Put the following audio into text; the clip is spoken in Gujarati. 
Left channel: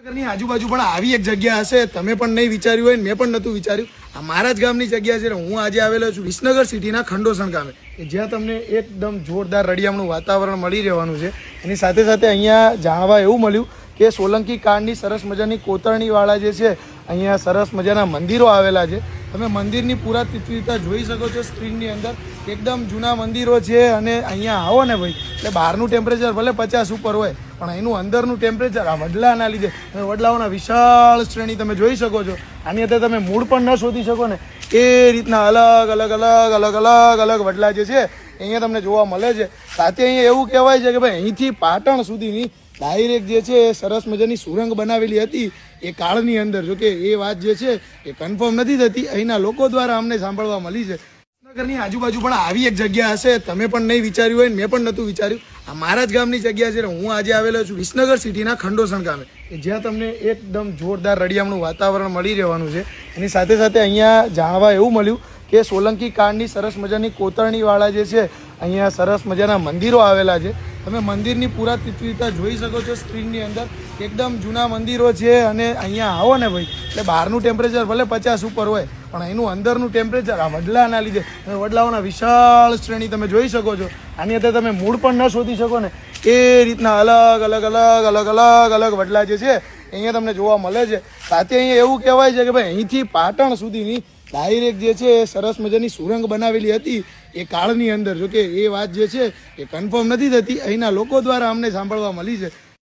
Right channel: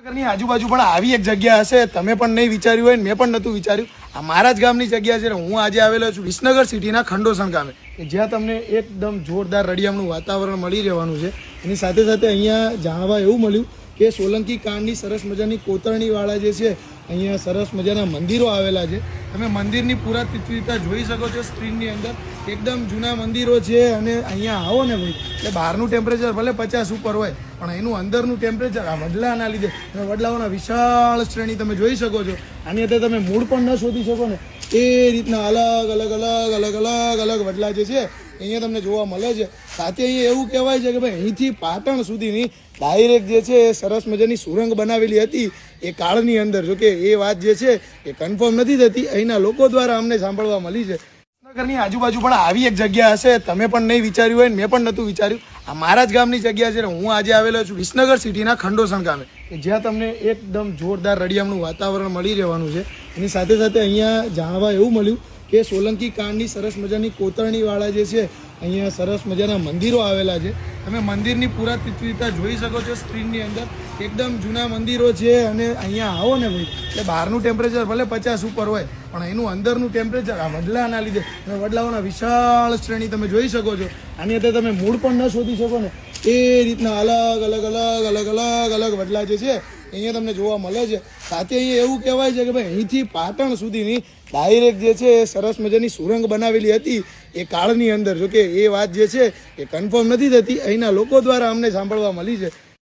ની આજુબાજુ પણ આવી એક જગ્યા હશે, તમે પણ નહીં વિચાર્યું હોય, મેં પણ નતું વિચાર્યું. આ મારા જ ગામની જગ્યા છે. હું આજે આવેલો છું વિસનગર સિટીના ખંડોસણ ગામે, જ્યાં તમને એકદમ જોરદાર રળિયામણું વાતાવરણ મળી રહેવાનું છે. એની સાથે સાથે અહીંયા જાણવા એવું મળ્યું કે સોલંકી કાળની સરસ મજાની કોતરણીવાળા જે છે, અહીંયા સરસ મજાના મંદિરો આવેલા છે. તમે મંદિરની પુરાતત્વતા જોઈ શકો છો સ્ક્રીનની અંદર. એકદમ જૂના મંદિરો છે અને અહીંયા આવો ને ભાઈ, એટલે બહારનું ટેમ્પરેચર ભલે 50 ઉપર હોય, પણ એનું અંદરનું ટેમ્પરેચર આ વડલાના લીધે, વડલાઓના વિશાળ શ્રેણી તમે જોઈ શકો છો. આની અંદર તમે મૂળ પણ ન શોધી શકો ને એ રીતના અલગ અલગ અલગ અલગ અલગ અલગ વડલા જે છે અહીંયા તમને જોવા મળે છે. સાથે અહીંયા એવું કહેવાય છે કે ભાઈ અહીંથી પાટણ સુધીની ડાયરેક્ટ જે છે એ સરસ મજાની સુરંગ બનાવેલી હતી એ કાળની અંદર. જોકે એ વાત જે છે એ કન્ફર્મ નથી થતી, અહીંના લોકો દ્વારા અમને સાંભળવા મળી છે. વિસનગરની આજુબાજુ પણ આવી એક જગ્યા હશે, તમે પણ નહીં વિચાર્યું હોય, મેં પણ નતું વિચાર્યું. આ મારા જ ગામની જગ્યા છે. હું આજે આવેલો છું વિસનગર સિટીના ખંડોસણ ગામે, જ્યાં તમને એકદમ જોરદાર રળિયામણું વાતાવરણ મળી રહેવાનું છે. એની સાથે સાથે અહીંયા જાણવા એવું મળ્યું કે સોલંકી કાળની સરસ મજાની કોતરણીવાળા જે છે, અહીંયા સરસ મજાના મંદિરો આવેલા છે. તમે મંદિરની પુરાતત્વતા જોઈ શકો છો સ્ક્રીનની અંદર. એકદમ જૂના મંદિરો છે અને અહીંયા આવો ને ભાઈ, એટલે બહારનું ટેમ્પરેચર ભલે 50 ઉપર હોય, પણ એનું અંદરનું ટેમ્પરેચર આ વડલાના લીધે, વડલાઓના વિશાળ શ્રેણી તમે જોઈ શકો છો. આની અંદર તમે મૂળ પણ ન શોધી શકો ને એ રીતના અલગ અલગ અલગ અલગ અલગ અલગ વડલા જે છે અહીંયા તમને જોવા મળે છે. સાથે અહીંયા એવું કહેવાય છે કે ભાઈ અહીંથી પાટણ સુધીની ડાયરેક્ટ જે છે એ સરસ મજાની સુરંગ બનાવેલી હતી એ કાળની અંદર. જોકે એ વાત જે છે એ કન્ફર્મ નથી થતી, અહીંના લોકો દ્વારા અમને સાંભળવા મળી છે.